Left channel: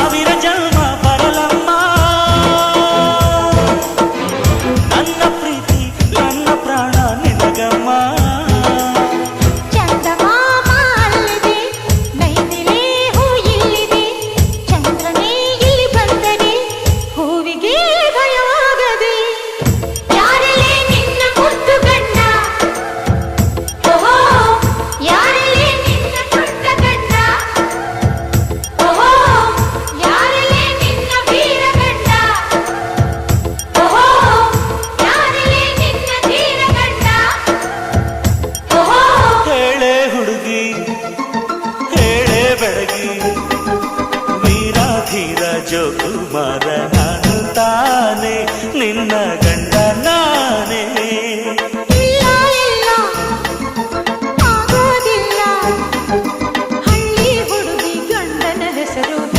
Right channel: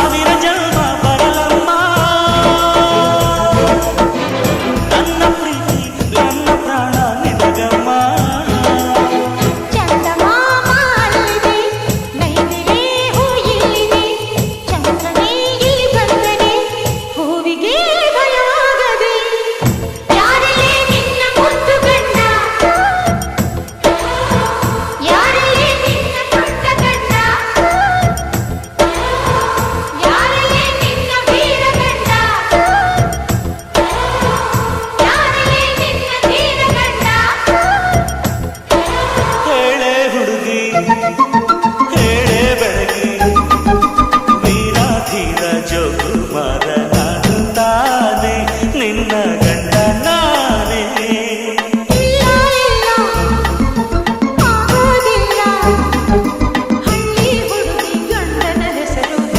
ಸಾವಿರ ಜನ್ಮ ಬರಲಮ್ಮ ನನ್ನ ಪ್ರೀತಿ ನನ್ನ ಪ್ರಾಣ ನಿನಗಮ್ಮ ಚಂದಮಾಮ ಅಲ್ಲಿದೆ ನೈದಿಲೆ ಹೂ ಇಲ್ಲಿದೆ ಚಂದ್ರನೇ ಇಲ್ಲಿ ಬಂದರೆ ಹೂವಿಗೆ ಭಯವಾಗದೆ ಯಾರಲ್ಲೇ ನಿನ್ನ ಮುದ್ದು ಗಂಡ ಯಾರಲ್ಲೇ ನಿನ್ನ ದೊಡ್ಡ ಗಂಡ ಯಾರಲ್ಲೇ ನಿನ್ನ ವೀರ ಗಂಡ ಯಾರಲ್ಲೇ ನಿನ್ನ ಧೀರ ಗಂಡ ಹೇಳೆ ಹುಡುಗಿ ಹೇಳೆ ಬೆಳಗಿ ವೀರಾಧೀರ ಜೋಕುಮಾರ ನಾನು ತಾನೆ ನಿನ್ನ ಗಂಡ